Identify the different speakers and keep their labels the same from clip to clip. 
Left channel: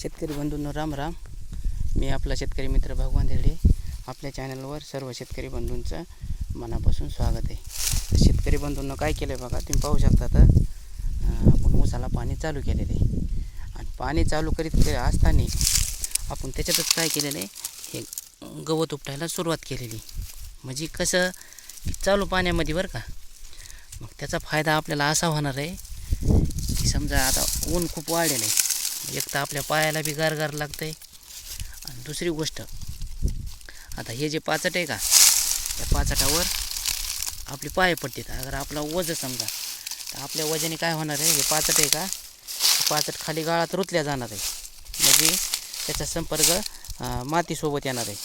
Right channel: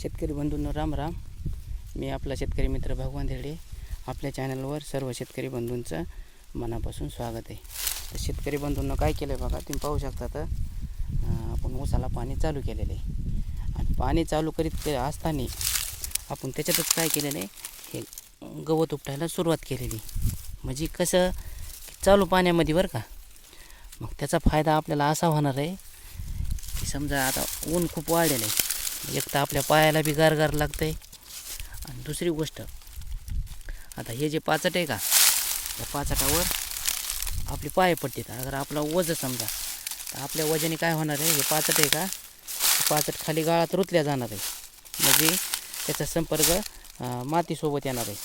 Speaker 1: शेतकरी बंधूंनो राम राम. मी आपला शेतकरी मित्र भगवान देडे आपल्या चॅनलवर सर्व शेतकरी बंधूंचं मनापासून स्वागत आहे. शेतकरी बंधूंनं काय केलं आहे बघा तुम्ही पाहू शकता तर आपण ऊसाला पाणी चालू केलेलं आहे. आणि पाणी चालू करीत असताना आपण त्याच्यातच काय केलेलं आहे हे गवत उपटायला सुरुवात केलेली म्हणजे कसं चालू पाण्यामध्ये बरं का. मग त्याचा फायदा आपल्याला असा होणार आहे की समजा आता ऊन खूप वाढलेलं आहे. म्हणजे एक तर आपल्या पायाला बी गारगार लागतं आहे आणि दुसरी गोष्ट आता हे जे पाचट आहे का या पाचटावर आपले पाय पडतात. अगर आपला वजन समजा तर आपल्या वजने काय होणार आहे हे पाचट आहे का पाचट खाली गाळात रुतल्या जाणार आहे. म्हणजे त्याचा संपर्क मातीसोबत येणार आहे.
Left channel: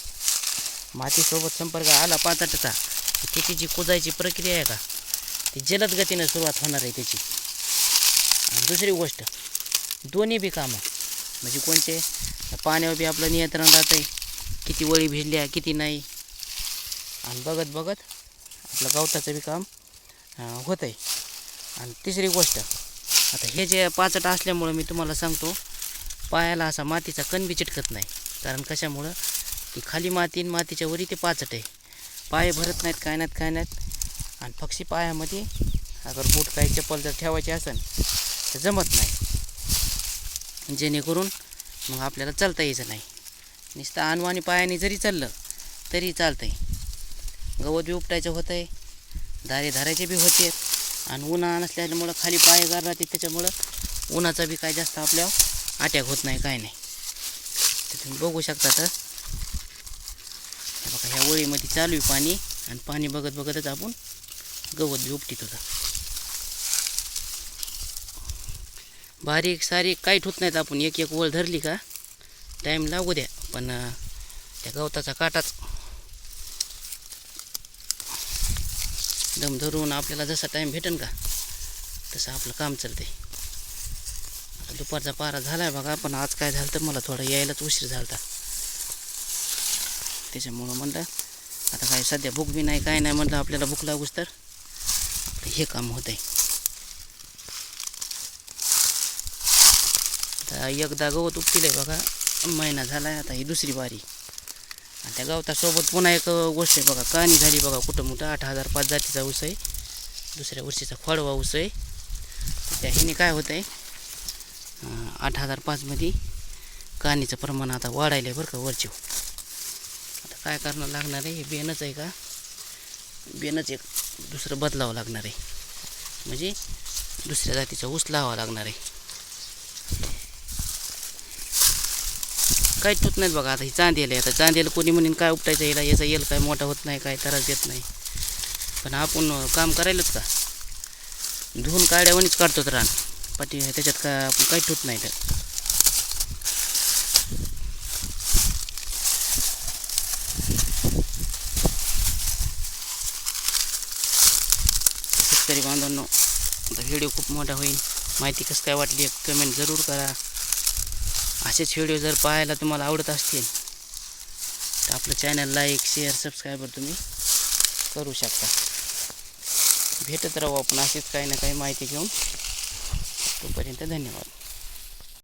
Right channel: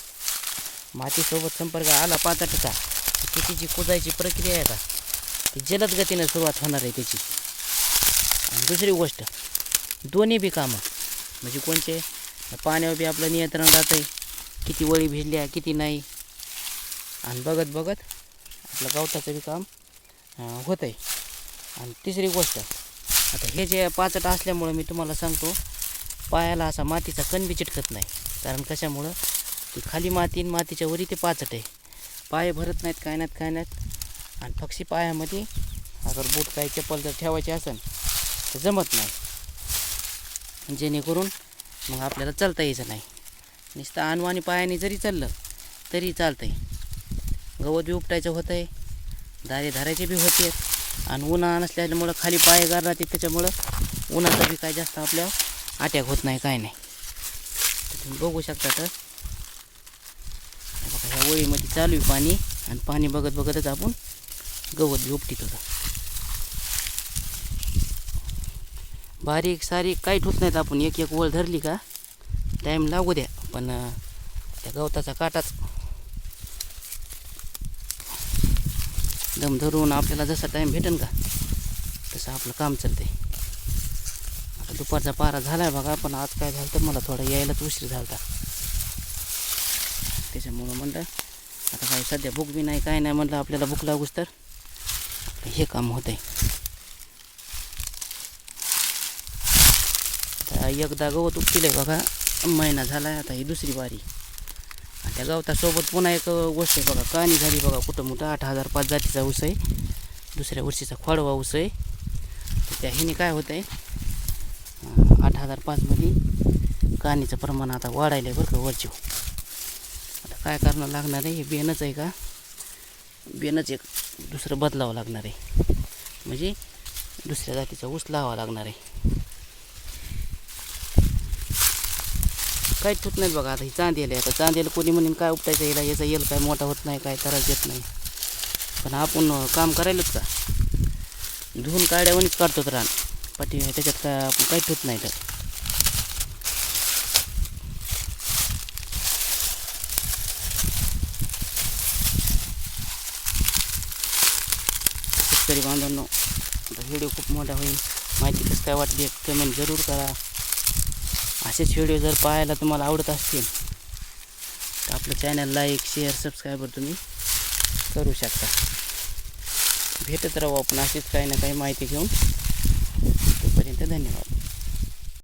Speaker 1: मातीसोबत संपर्क आला पाचटचा त्याची जी कुजायची प्रक्रिया आहे का ती जलद गतीनं सुरुवात होणार आहे त्याची. आणि दुसरी गोष्ट दोन्ही बी कामं. म्हणजे कोणते? पाण्यावर बी आपलं नियंत्रण राहतं किती वळी भिजल्या किती नाही. आणि बघत बघत आपलं गवताचं बी काम होत आहे आणि तिसरी गोष्ट आता हे जे पाचट असल्यामुळं मी तुम्हाला सांगतो पायाला असा मातीचा कण बी चिटकत नाही. कारण कशामुळं? ती खाली माती आणि मातीच्या वरी ते पाचट आहे. पाय भरत नाहीत काय नाहीत काय नाहीत. आणि पक्षी पायामध्ये अगर बूट काही चप्पल जर ठेवायची असेल तर जमत नाही. जेणेकरून मग आपल्याला चालता यायचं नाही. नुसतं आणवानी पायाने जरी चाललं तरी चालतं आहे गवत बी उपटायचं होतं आहे दारे धारायचे बी होते. आणि उन्हा नसल्यामुळं खाली पाय गार राहते त्याच्यामुळं उन्हाचा बी काय जास्त आपल्या अटॅक होत नाही काय नाही. तर तुम्ही बघू शकता तर. बघा ह्या वळीमध्ये चालू आहे पाणी आणि पाणी बघत बघतच आपण गवत बी उपटीत होता. बारीक सारीक काही ठोत नाहीत आपण. एक एक वळ धरली का टाईम लागू द्या. पण त्या गवताचा काटाच. दम धरून आपल्याला जसा टाईम भेटेन का तसं आपलं काम चालते आता दुपारचा पारा झाला आहे बघा पण आज काय झालं तर मला थोडा यायलाच उशीर झाला होता. त्याच्यामुळं म्हणलं आता काय सध्या भूक बी नाही काय नाही म्हणलं आपल्याला भूक लागूच तर. हे काम होतं आहे आता एकदा गवत उपटलं आहे बघा. महिना झाला आहे आता ही दुसरी बारी आणि त्या गवतासोबत पुन्हा एक गोष्ट आहे बघा काणी झाली बघा कुठं मोठं आठ हजार पाच जातीचा ऊस आहे. दुसऱ्या वर्षीचा खोडवा ऊस आहे. तर त्या ह्याने काय होतं आहे आठ हजार पाचमध्ये काणीचं प्रमाण आता वाढायलं आहे बरं का वरची. आता काय करणं लागणार आहे? हे बेनच आहे का? बेनच एक दुसरं बदलावं लागणार आहे. म्हणजे दुसऱ्या जातीचा ऊस लावावा लागणार आहे. काहीच होत नाहीत बघा आता. ही चांदेल आहे आता चांदेल कोणी म्हणेन काय उपटायचं याला याचा येल काय मोठा होत नाही काय त्रास देत नाही. पण आपण काम करायलाच का धुवून काढ्यावणीच काढतो तर रान. पाठी त्याच्यात काय आपण काहीच होत नाही तर. शेतकरी बांधवांनो आता व्हिडिओ खूप मोठा होईल. माहिती कसं काय वाटली? कमेंट जरूर करा. असेच व्हिडिओ जर पाहायला तुम्हाला आवडत असतील तर आपलं चॅनल लाईक शेअर सबस्क्राईबर तुम्ही करू शकता. भेटत राहू आपण अशीच काही ना काही माहिती घेऊन. तोपर्यंत धन्यवाद.